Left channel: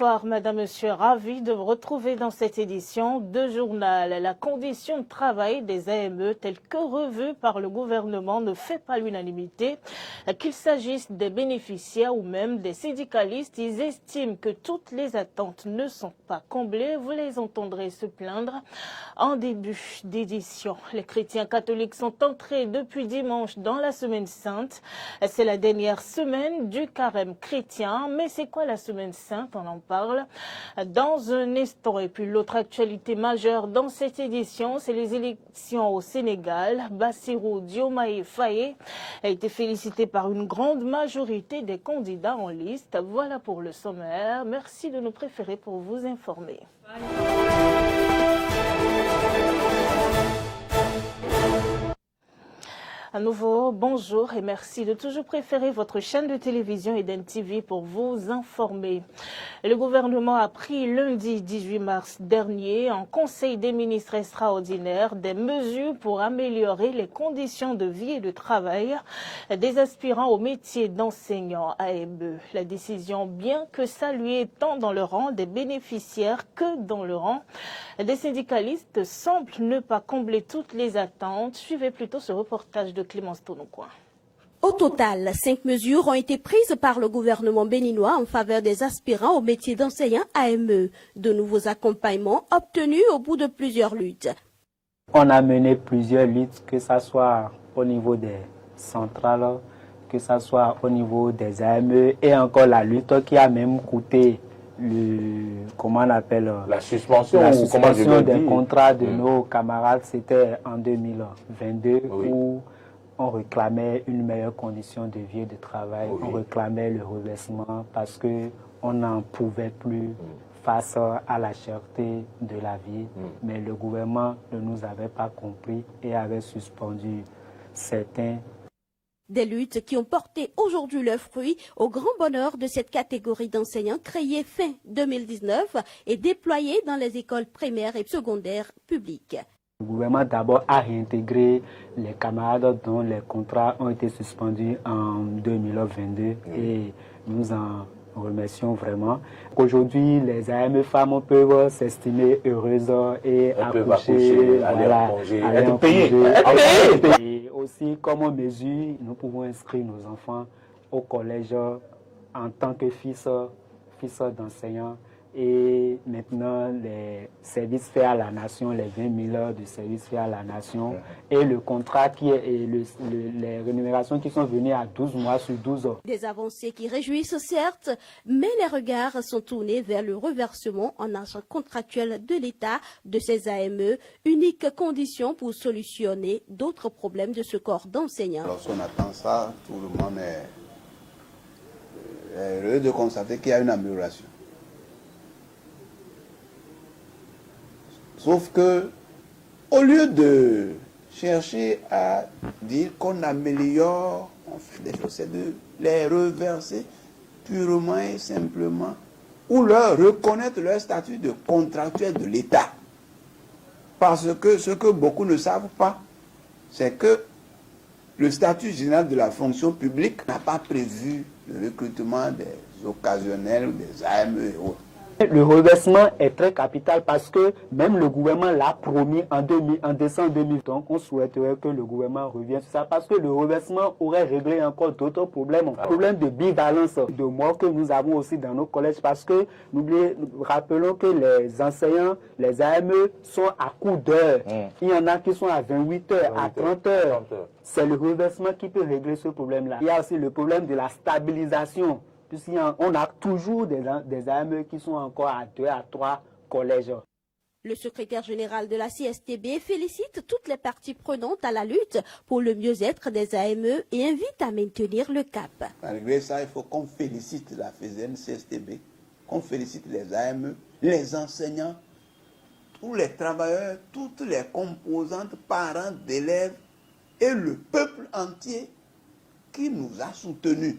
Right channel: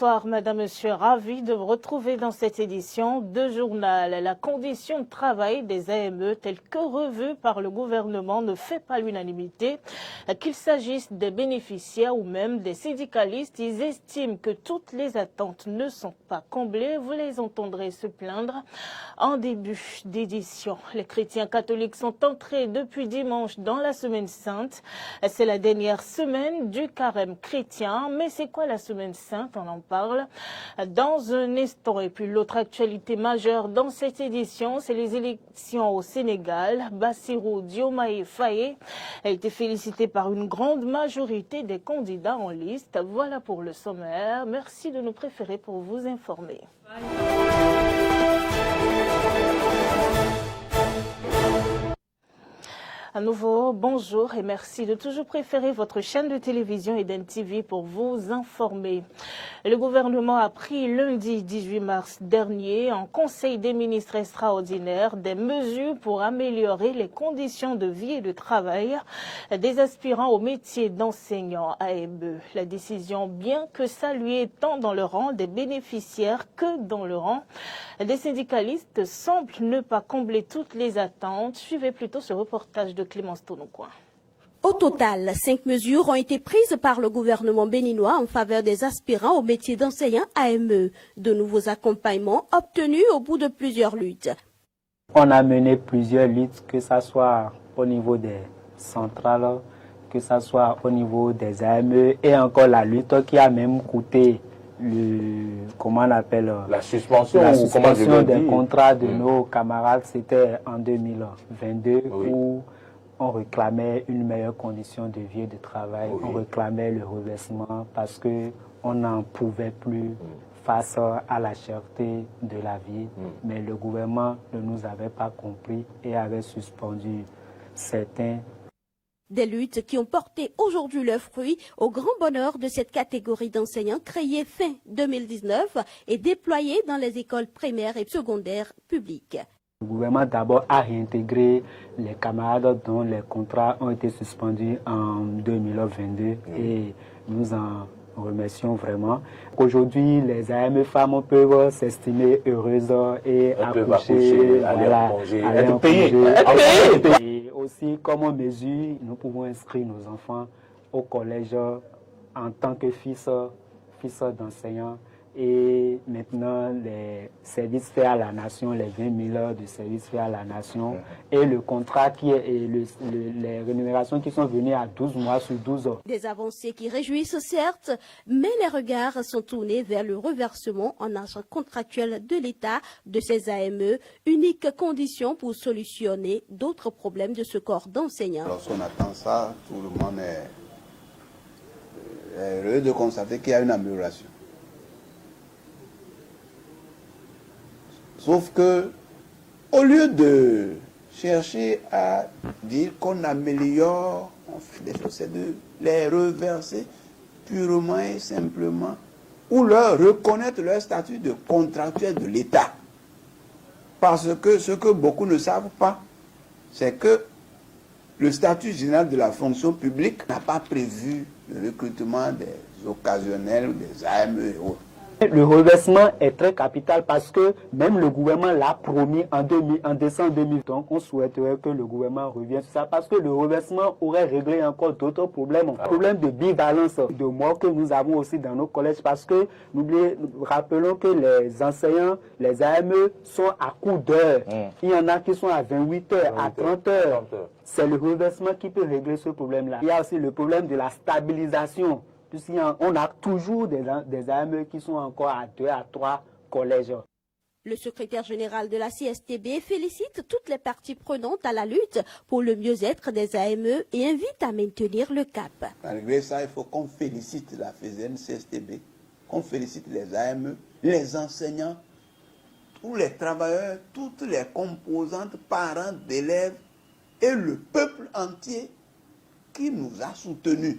Bonsoir, Madame, Monsieur, ravi de vous retrouver dans cette édition de journal. La condition de travail des AME, telle que revue par le gouvernement, ne fait pas l'unanimité. Qu'il s'agisse des bénéficiaires ou même des syndicalistes, ils estiment que toutes les attentes ne sont pas comblées. Vous les entendrez se plaindre en début d'édition. Les chrétiens catholiques sont entrés depuis dimanche dans la Semaine Sainte. C'est la dernière semaine du carême chrétien. Mais c'est quoi la Semaine Sainte? On en parle dans un instant. Et puis l'autre actualité majeure dans cette édition, c'est les élections au Sénégal. Bassirou Diomaye Faye a été félicité par une grande majorité des candidats en liste. Voilà pour le sommaire. Merci de nous préférer pour vous informer. À nouveau, bonjour et merci de toujours préférer votre chaîne de télévision Eden TV pour vous informer. Le gouvernement a pris lundi 18 mars dernier en Conseil des ministres extraordinaire des mesures pour améliorer les conditions de vie et de travail des aspirants au métier d'enseignant AME. La décision, bien que saluée tant dans le rang des bénéficiaires que dans le rang des syndicalistes, semble ne pas combler toutes les attentes. Suivez plutôt ce reportage de Clémence Tonocoin. Au total, 5 mesures ont été prises par le gouvernement béninois en faveur des aspirants au métier d'enseignant AME. De nouveaux accompagnements obtenus au bout de plusieurs luttes. On a mené plusieurs luttes, que ce soit au niveau des centrales, que ce soit au niveau des AME et encore la lutte qui a même coûté comment on appelle la suspension des contrats de nos camarades. C'était en 2022 où on réclamait une meilleure condition de vie et de travail, on réclamait le reversement parce qu'on n'en pouvait plus face à la cherté de la vie. Mais le gouvernement ne nous avait pas compris et avait suspendu certains. Des luttes qui ont porté aujourd'hui leurs fruits au grand bonheur de cette catégorie d'enseignants créée fin 2019 et déployée dans les écoles primaires et secondaires publiques. Le gouvernement d'abord a réintégré les camarades dont les contrats ont été suspendus en 2022 et nous en remercions vraiment. Aujourd'hui, les AME femmes peuvent s'estimer heureuses et accoucher, être payées. Et aussi, comme mesure, nous pouvons inscrire nos enfants au collège en tant que fils d'enseignants. Et maintenant, les services faits à la nation, les 20 000 heures de services faits à la nation et le contrat qui est les rémunérations qui sont venues à 12 mois sur 12 ans. Des avancées qui réjouissent certes, mais les regards sont tournés vers le reversement en argent contractuel de l'État de ces AME, unique condition pour solutionner d'autres problèmes de ce corps d'enseignants. Lorsqu'on attend ça, tout le monde est heureux de constater qu'il y a une amélioration. Sauf que, au lieu de chercher à dire qu'on améliore, on fait des choses, c'est de les reverser purement et simplement, ou leur reconnaître leur statut de contractuel de l'État. Parce que ce que beaucoup ne savent pas, c'est que le statut général de la fonction publique n'a pas prévu le recrutement des occasionnels, des AME et autres. Le reversement est très capital parce que même le gouvernement l'a promis en décembre 2000. Donc on souhaiterait que le gouvernement revienne sur ça parce que le reversement aurait réglé encore d'autres problèmes. Problème de bivalence de mort que nous avons aussi dans nos collèges parce que rappelons que les enseignants, les AME sont à coup d'heure. Il y en a qui sont à 28 heures, à 30 heures. C'est le reversement qui peut régler ce problème-là. Il y a aussi le problème de la stabilisation. On a toujours des AME qui sont encore à 2 à 3 collèges. Le secrétaire général de la CSTB félicite toutes les parties prenantes à la lutte pour le mieux-être des AME et invite à maintenir le cap. Malgré ça, il faut qu'on félicite la FESEN CSTB, qu'on félicite les AME, les enseignants, tous les travailleurs, toutes les composantes, parents d'élèves et le peuple entier qui nous a soutenus.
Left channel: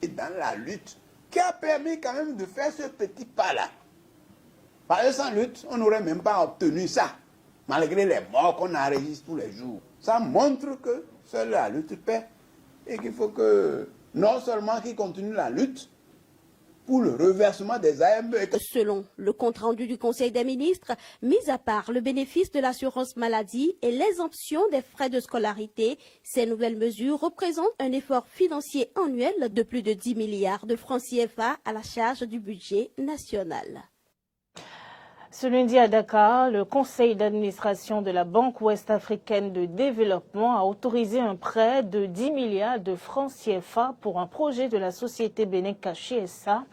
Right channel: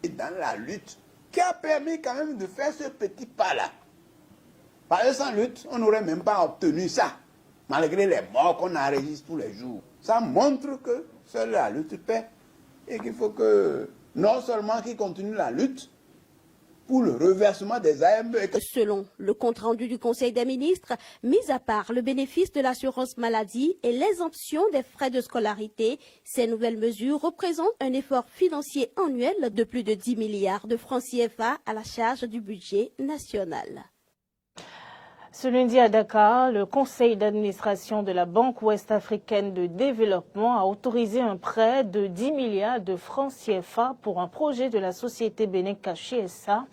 Et dans la lutte, qui a permis quand même de faire ce petit pas-là. Parce que sans lutte, on n'aurait même pas obtenu ça, malgré les morts qu'on enregistre tous les jours. Ça montre que seule la lutte paie et qu'il faut que, non seulement qu'ils continuent la lutte, pour le reversement des AME. Selon le compte-rendu du Conseil des ministres, mis à part le bénéfice de l'assurance maladie et l'exemption des frais de scolarité, ces nouvelles mesures représentent un effort financier annuel de plus de 10 milliards de francs CFA à la charge du budget national. Ce lundi à Dakar, le conseil d'administration de la Banque ouest-africaine de développement a autorisé un prêt de 10 milliards de francs CFA pour un projet de la société Bénin Caché SA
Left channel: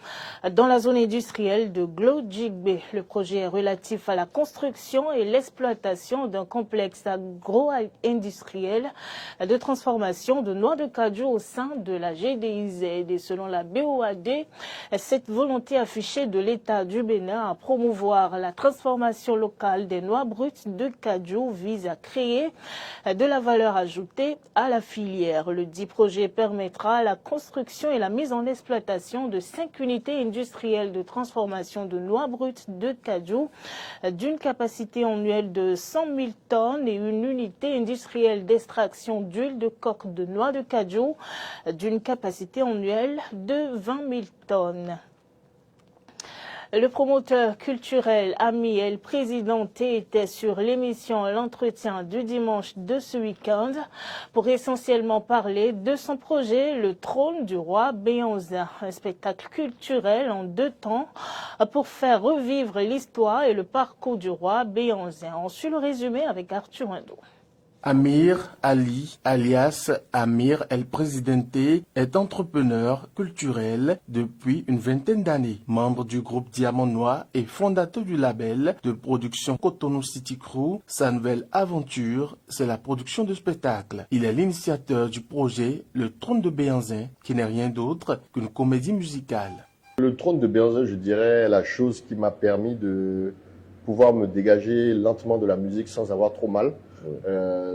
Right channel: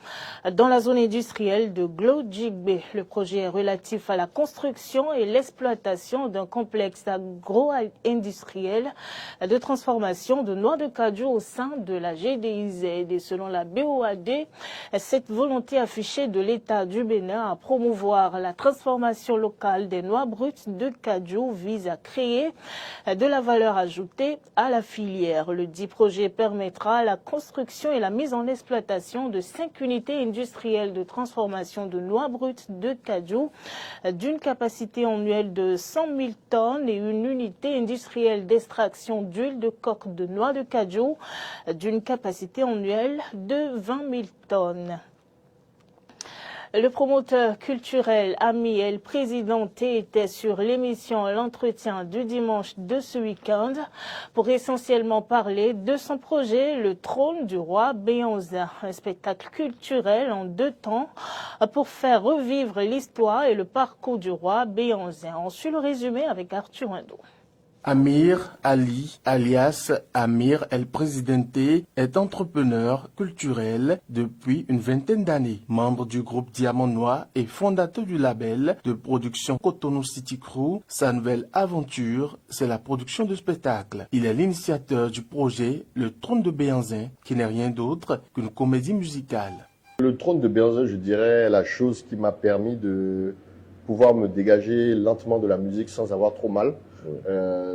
dans la zone industrielle de Glo-Djigbe. Le projet est relatif à la construction et l'exploitation d'un complexe agro-industriel de transformation de noix de cajou au sein de la GDIZ. Et selon la BOAD, cette volonté affichée de l'État du Bénin à promouvoir la transformation locale des noix brutes de cajou vise à créer de la valeur ajoutée à la filière. Le dit projet permettra la construction et la mise en exploitation de 5 unités industrielles de transformation de noix brutes de cajou d'une capacité annuelle de 100 000 tonnes et une unité industrielle d'extraction d'huile de coque de noix de cajou d'une capacité annuelle de 20 000 tonnes. Le promoteur culturel Ami El Presidente était sur l'émission L'Entretien du dimanche de ce week-end pour essentiellement parler de son projet Le Trône du Roi Béanzin, un spectacle culturel en 2 temps pour faire revivre l'histoire et le parcours du roi Béanzin. On suit le résumé avec Arthur Indo. Amir Ali, alias Amir El Presidente, est entrepreneur culturel depuis une vingtaine d'années. Membre du groupe Diamant Noir et fondateur du label de production Cotonou City Crew, sa nouvelle aventure, c'est la production de spectacles. Il est l'initiateur du projet Le Trône de Béanzin, qui n'est rien d'autre qu'une comédie musicale. Le Trône de Béanzin, je dirais, la chose qui m'a permis de pouvoir me dégager lentement de la musique sans avoir trop mal.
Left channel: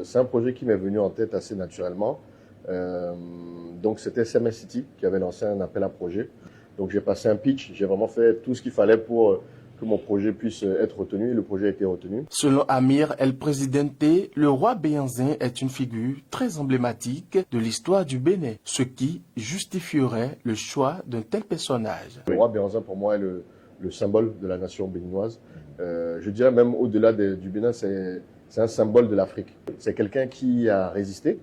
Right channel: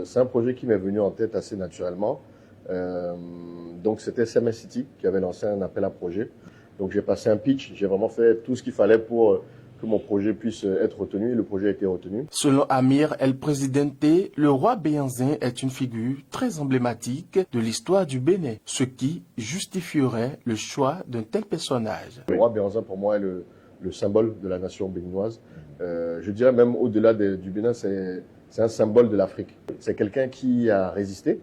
C'est un projet qui m'est venu en tête assez naturellement. Donc c'était CMS City qui avait lancé un appel à projet. Donc j'ai passé un pitch, j'ai vraiment fait tout ce qu'il fallait pour que mon projet puisse être retenu et le projet a été retenu. Selon Amir El Presidente, le roi Béanzin est une figure très emblématique de l'histoire du Bénin, ce qui justifierait le choix d'un tel personnage. Le roi Béanzin pour moi est le symbole de la nation béninoise. Je dirais même au-delà du Bénin, c'est un symbole de l'Afrique. C'est quelqu'un qui a résisté,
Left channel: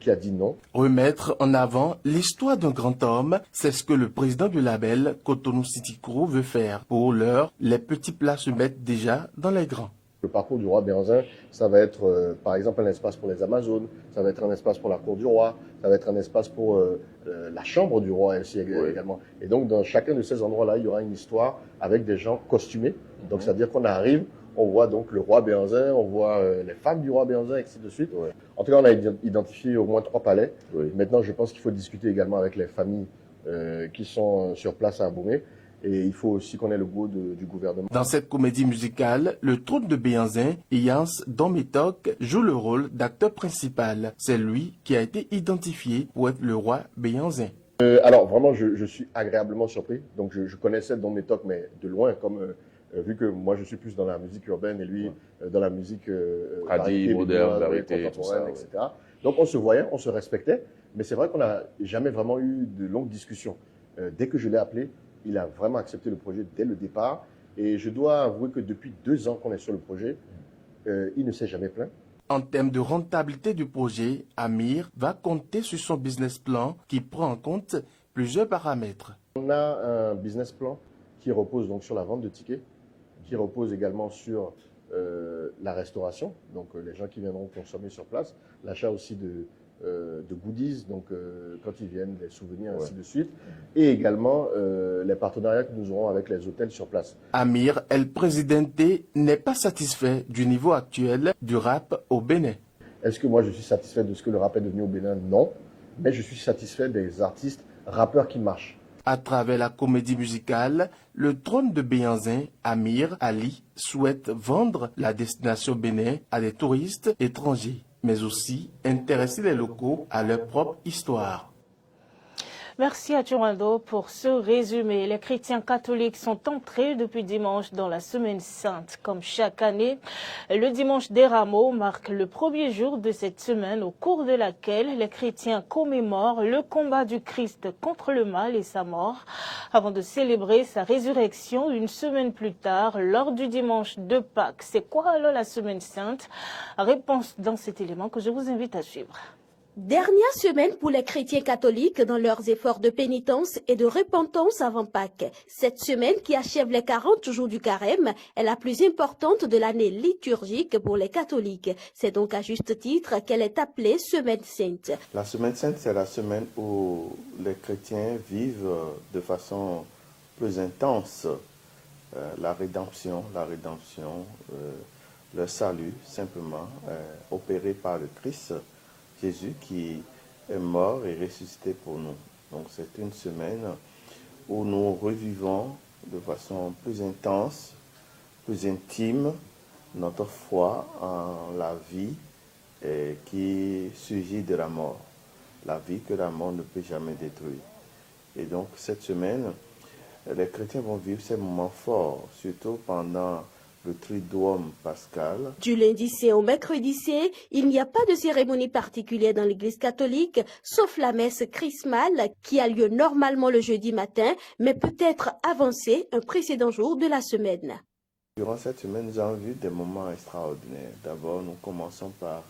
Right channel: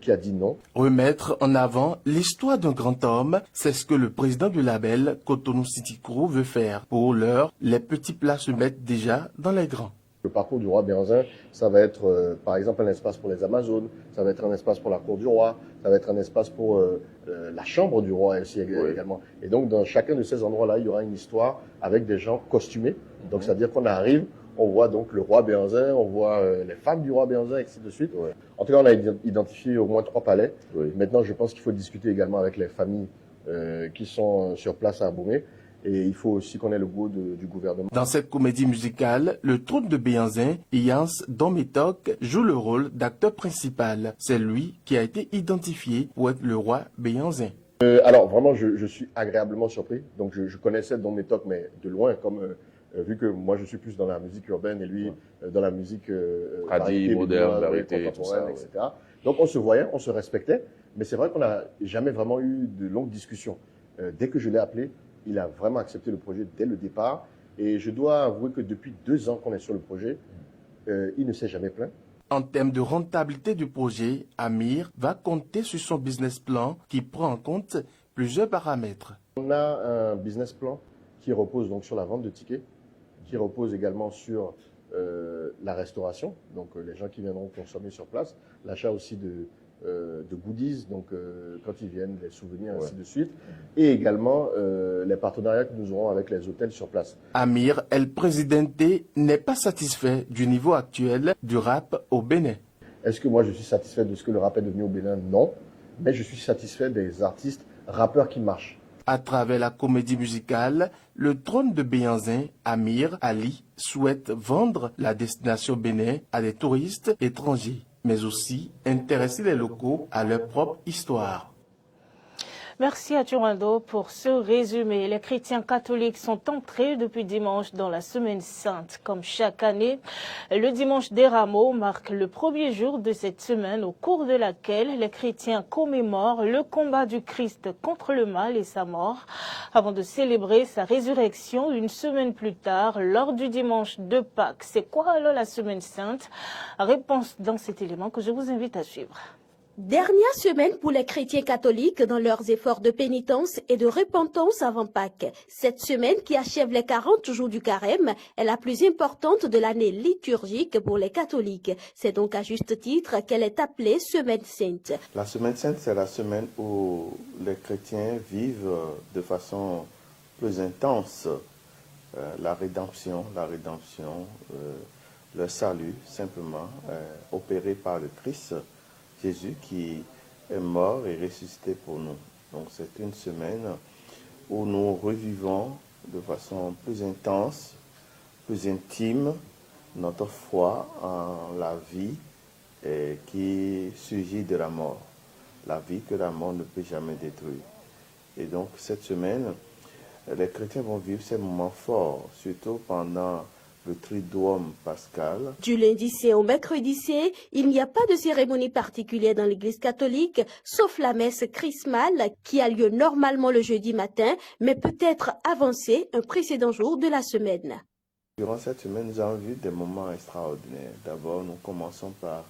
qui a dit non. Remettre en avant l'histoire d'un grand homme, c'est ce que le président du label Cotonou City Crew veut faire. Pour l'heure, les petits plats se mettent déjà dans les grands. Le parcours du roi Béanzin, ça va être par exemple un espace pour les Amazones, ça va être un espace pour la cour du roi, ça va être un espace pour la chambre du roi ainsi également. Et donc dans chacun de ces endroits-là, il y aura une histoire avec des gens costumés. Donc c'est-à-dire qu'on arrive, on voit donc le roi Béanzin, on voit les femmes du roi Béanzin, et ainsi de suite. Ouais. En tout cas, on a identifié au moins 3 palais. Oui. Maintenant, je pense qu'il faut discuter également avec les familles qui sont sur place à Aboumé. Et il faut aussi qu'on ait le goût du gouvernement. Dans cette comédie musicale, le Trône de Béanzin, Yans Domitok joue le rôle d'acteur principal. C'est lui qui a été identifié pour être le roi Béanzin. Alors vraiment, je suis agréablement surpris. Donc je connaissais Domitok, mais de loin, comme vu que moi je suis plus dans la musique urbaine et lui dans la musique moderne, contemporaine, etc. Donc on se voyait, on se respectait, mais c'est vrai qu'on n'a jamais vraiment eu de longues discussions. Dès que je l'ai appelé, il a vraiment accepté le projet dès le départ. Et je dois avouer que depuis 2 ans qu'on est sur le projet, il ne s'est jamais plaint. En termes de rentabilité du projet, Amir va compter sur son business plan qui prend en compte plusieurs paramètres. On a un business plan qui repose donc sur la vente de tickets, qui repose également sur la restauration, donc les gens qui viendront consommer sur place, l'achat aussi de goodies, donc quand ils viennent, des souvenirs, ainsi de suite, et également les partenariats que nous aurons avec les hôtels sur place. Amir El Presidente n'est pas satisfait du niveau actuel du rap au Bénin. Est-ce que moi je suis satisfait de ce que le rap est devenu au Bénin? Non, mais je suis satisfait des artistes rappeurs qui marchent. À travers la comédie musicale, le Trône de Béanzin, Amir Ali, souhaite vendre la destination Bénin à des touristes étrangers, mais aussi intéresser les locaux à leur propre histoire. Merci à Turando pour ce résumé. Les chrétiens catholiques sont entrés depuis dimanche dans la Semaine Sainte. Comme chaque année, le dimanche des Rameaux marque le premier jour de cette semaine au cours de laquelle les chrétiens commémorent le combat du Christ contre le mal et sa mort avant de célébrer sa résurrection une semaine plus tard lors du dimanche de Pâques. C'est quoi alors la Semaine Sainte? Réponse dans cet élément que je vous invite à suivre. Dernière semaine pour les chrétiens catholiques dans leurs efforts de pénitence et de repentance avant Pâques. Cette semaine qui achève les 40 jours du carême est la plus importante de l'année liturgique pour les catholiques. C'est donc à juste titre qu'elle est appelée Semaine Sainte. La Semaine Sainte, c'est la semaine où les chrétiens vivent de façon plus intense la rédemption, le salut simplement opéré par le Christ. Jésus qui est mort et ressuscité pour nous. Donc c'est une semaine où nous revivons de façon plus intense, plus intime, notre foi en la vie qui surgit de la mort. La vie que la mort ne peut jamais détruire. Et donc cette semaine, les chrétiens vont vivre ces moments forts, surtout pendant le Triduum pascal. Du lundi saint au mercredi saint, il n'y a pas de cérémonie particulière dans l'Église catholique, sauf la messe chrismale qui a lieu normalement le jeudi matin, mais peut être avancée un précédent jour de la semaine. Durant cette semaine, nous avons vu des moments extraordinaires. D'abord, nous commençons par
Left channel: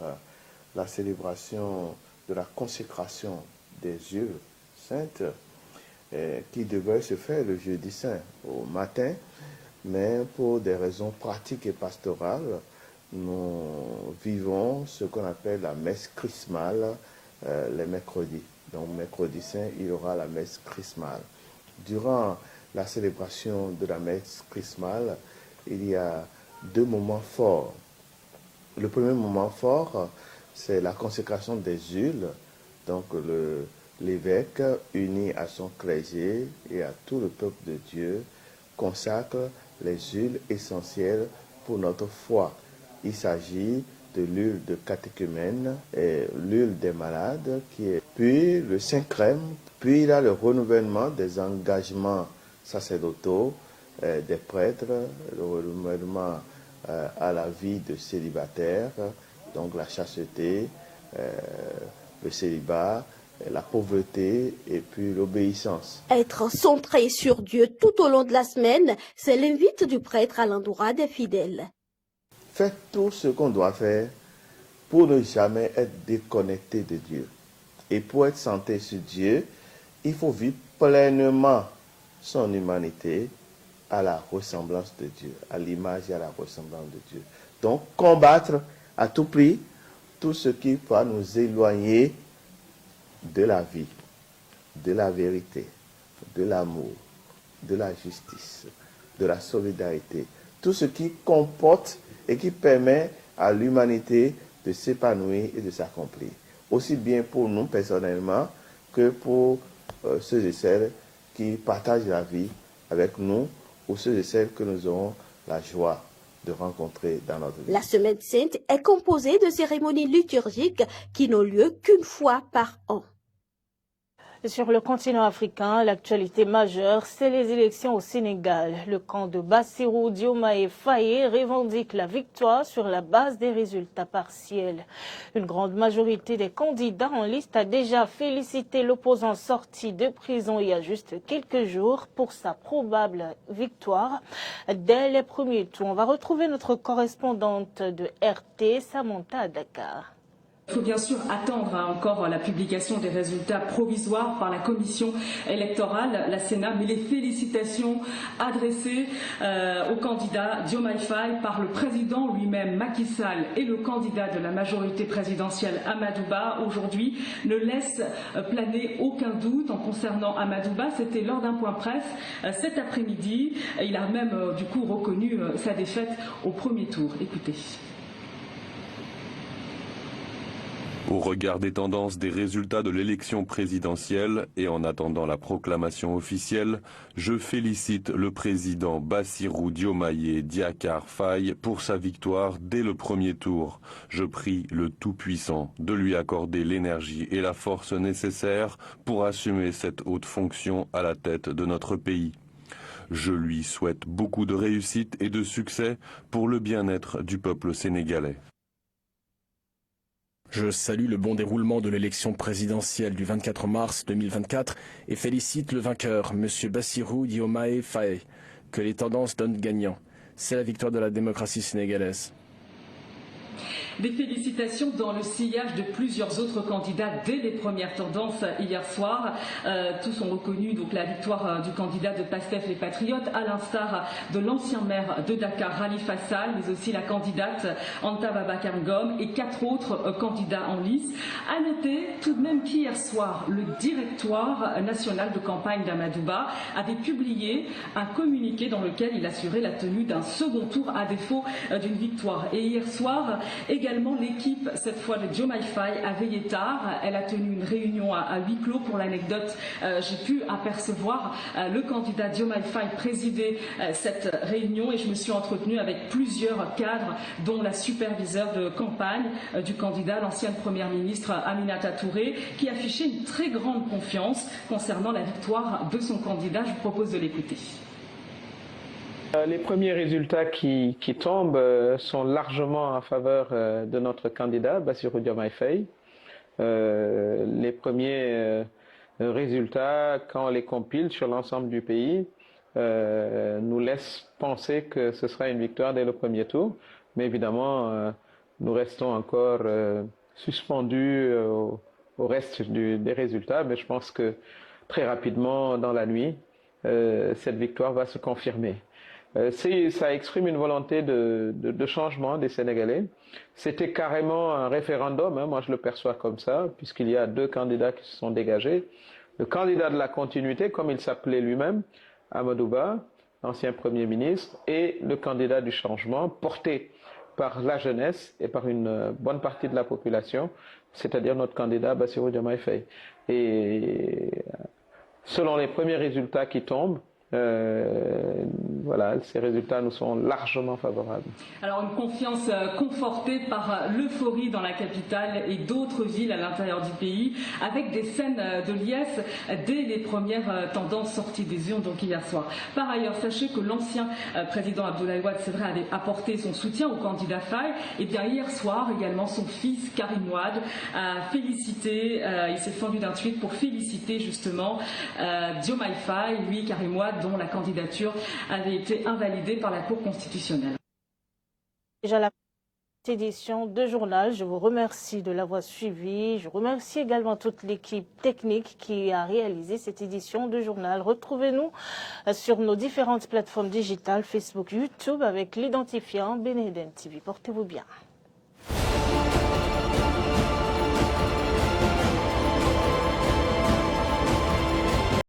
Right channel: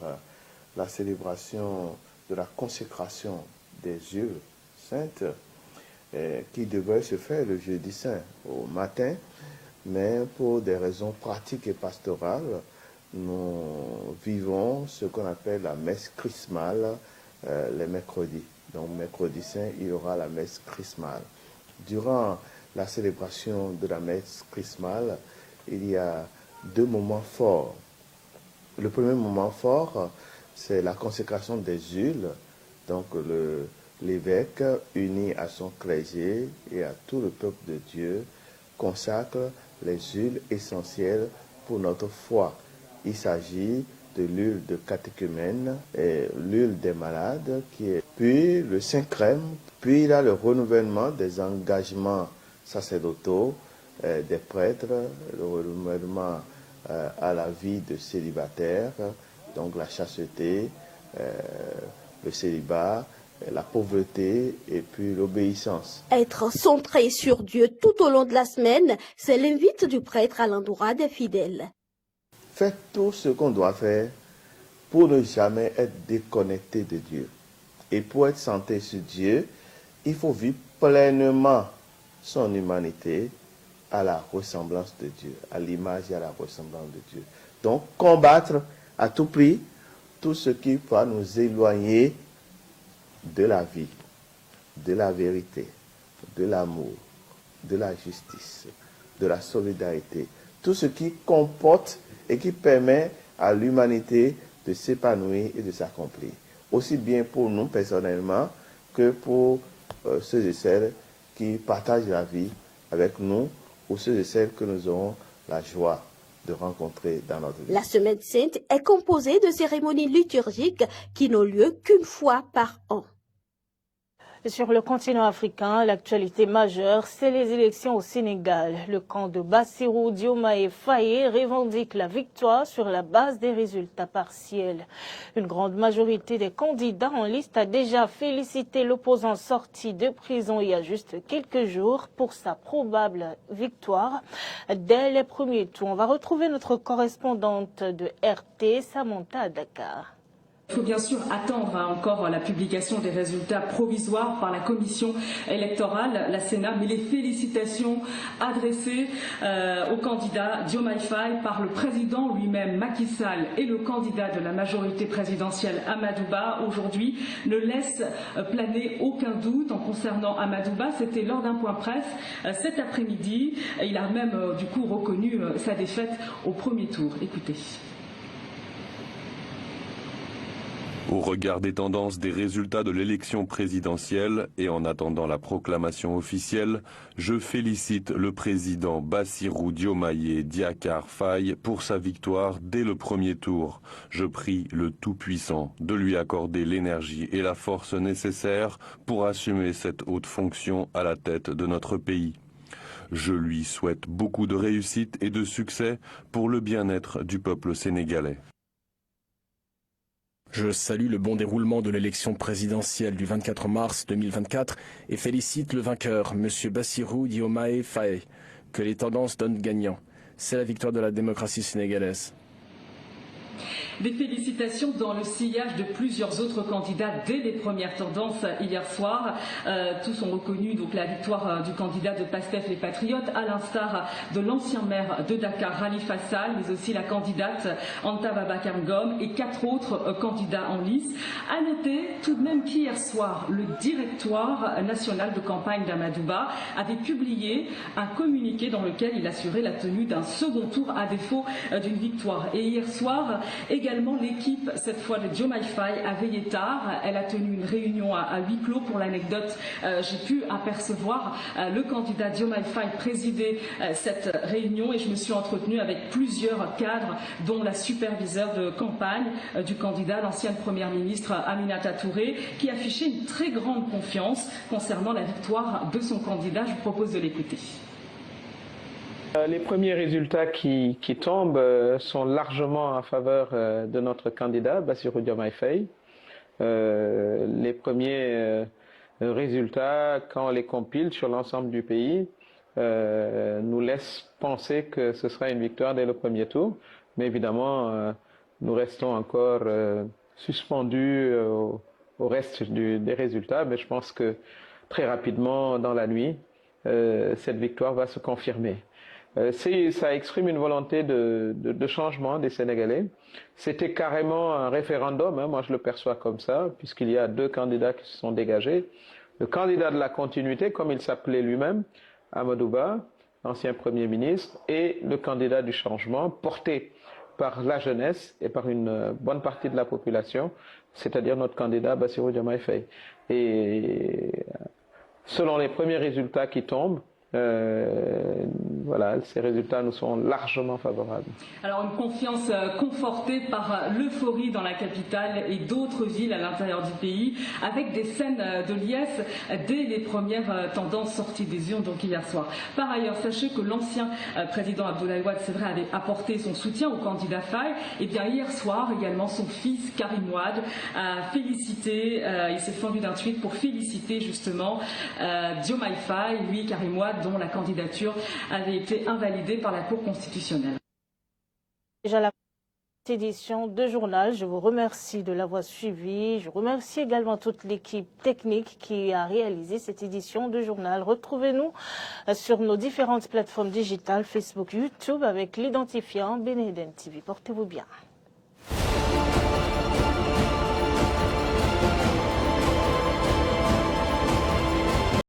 la célébration de la consécration des yeux saintes qui devrait se faire le jeudi saint au matin. Mais pour des raisons pratiques et pastorales, nous vivons ce qu'on appelle la messe chrismale les mercredis. Donc mercredi saint, il y aura la messe chrismale. Durant la célébration de la messe chrismale, il y a deux moments forts. Le premier moment fort, c'est la consécration des huiles. Donc l'évêque, uni à son clergé et à tout le peuple de Dieu, consacre les huiles essentielles pour notre foi. Il s'agit de l'huile de catéchumène et l'huile des malades, puis le Saint-Crème, puis il y a le renouvellement des engagements sacerdotaux des prêtres, le renouvellement à la vie de célibataire, donc la chasteté, le célibat, la pauvreté et puis l'obéissance. Être centré sur Dieu tout au long de la semaine, c'est l'invite du prêtre à l'endroit des fidèles. Faites tout ce qu'on doit faire pour ne jamais être déconnecté de Dieu. Et pour être centré sur Dieu, il faut vivre pleinement son humanité à la ressemblance de Dieu, à l'image et à la ressemblance de Dieu. Donc combattre à tout prix tout ce qui va nous éloigner de la vie, de la vérité, de l'amour, de la justice, de la solidarité. Tout ce qui comporte et qui permet à l'humanité de s'épanouir et de s'accomplir. Aussi bien pour nous personnellement que pour ceux et celles qui partagent la vie avec nous ou ceux et celles que nous aurons la joie de rencontrer dans notre vie. La Semaine Sainte est composée de cérémonies liturgiques qui n'ont lieu qu'une fois par an. Sur le continent africain, l'actualité majeure, c'est les élections au Sénégal. Le camp de Bassirou Diomaye Faye revendique la victoire sur la base des résultats partiels. Une grande majorité des candidats en liste a déjà félicité l'opposant sorti de prison il y a juste quelques jours pour sa probable victoire dès les premiers tours. On va retrouver notre correspondante de RT, Samantha à Dakar. Il faut bien sûr attendre encore la publication des résultats provisoires par la commission électorale, la Sénat, mais les félicitations adressées au candidat Diomaye Faye par le président lui-même Macky Sall et le candidat de la majorité présidentielle Amadou Ba aujourd'hui ne laissent planer aucun doute en concernant Amadou Ba. C'était lors d'un point presse cet après-midi. Il a même du coup reconnu sa défaite au premier tour. Écoutez. Au regard des tendances des résultats de l'élection présidentielle et en attendant la proclamation officielle, je félicite le président Bassirou Diomaye Diakhar Faye pour sa victoire dès le premier tour. Je prie le Tout-Puissant de lui accorder l'énergie et la force nécessaires pour assumer cette haute fonction à la tête de notre pays. Je lui souhaite beaucoup de réussite et de succès pour le bien-être du peuple sénégalais. Je salue le bon déroulement de l'élection présidentielle du 24 mars 2024 et félicite le vainqueur, M. Bassirou Diomaye Faye. Que les tendances donnent gagnant. C'est la victoire de la démocratie sénégalaise. Des félicitations dans le sillage de plusieurs autres candidats dès les premières tendances hier soir. Tous ont reconnu donc la victoire du candidat de PASTEF les Patriotes, à l'instar de l'ancien maire de Dakar, Khalifa Sall, mais aussi la candidate Anta Babacar Ngom et 4 autres candidats en lice. À noter tout de même qu'hier soir, le directoire national de campagne d'Amadouba avait publié un communiqué dans lequel il assurait la tenue d'un second tour à défaut d'une victoire. Et hier soir, également, l'équipe, cette fois de Diomaye Faye, a veillé tard. Elle a tenu une réunion à huis clos. Pour l'anecdote, j'ai pu apercevoir le candidat Diomaye Faye présider cette réunion et je me suis entretenue avec plusieurs cadres, dont la superviseure de campagne du candidat, l'ancienne première ministre Aminata Touré, qui affichait une très grande confiance concernant la victoire de son candidat. Je vous propose de l'écouter. Les premiers résultats qui tombent sont largement en faveur de notre candidat, Bassirou Diomaye Faye. Les premiers résultats, quand on les compile sur l'ensemble du pays, nous laissent penser que ce sera une victoire dès le premier tour. Mais évidemment, nous restons encore suspendus au reste des résultats. Mais je pense que très rapidement, dans la nuit, cette victoire va se confirmer. Ça exprime une volonté de changement des Sénégalais. C'était carrément un référendum, hein, moi je le perçois comme ça, puisqu'il y a 2 candidats qui se sont dégagés. Le candidat de la continuité, comme il s'appelait lui-même, Amadou Ba, ancien Premier ministre, et le candidat du changement, porté par la jeunesse et par une bonne partie de la population, c'est-à-dire notre candidat Bassirou Diomaye Faye. Et selon les premiers résultats qui tombent, voilà, ces résultats nous sont largement favorables. Alors une confiance confortée par l'euphorie dans la capitale et d'autres villes à l'intérieur du pays, avec des scènes de liesse dès les premières tendances sorties des urnes, donc hier soir. Par ailleurs, sachez que l'ancien président Abdoulaye Wade, c'est vrai, avait apporté son soutien au candidat Faye, et bien hier soir également son fils Karim Wade a félicité, il s'est fendu d'un tweet pour féliciter justement Diomaye Faye, lui Karim Wade, dont la candidature avait été invalidée par la Cour constitutionnelle. Déjà la édition de journal, je vous remercie de l'avoir suivi. Je remercie également toute l'équipe technique qui a réalisé cette édition de journal. Retrouvez-nous sur nos différentes plateformes digitales, Facebook, YouTube, avec l'identifiant Beneden TV. Portez-vous bien.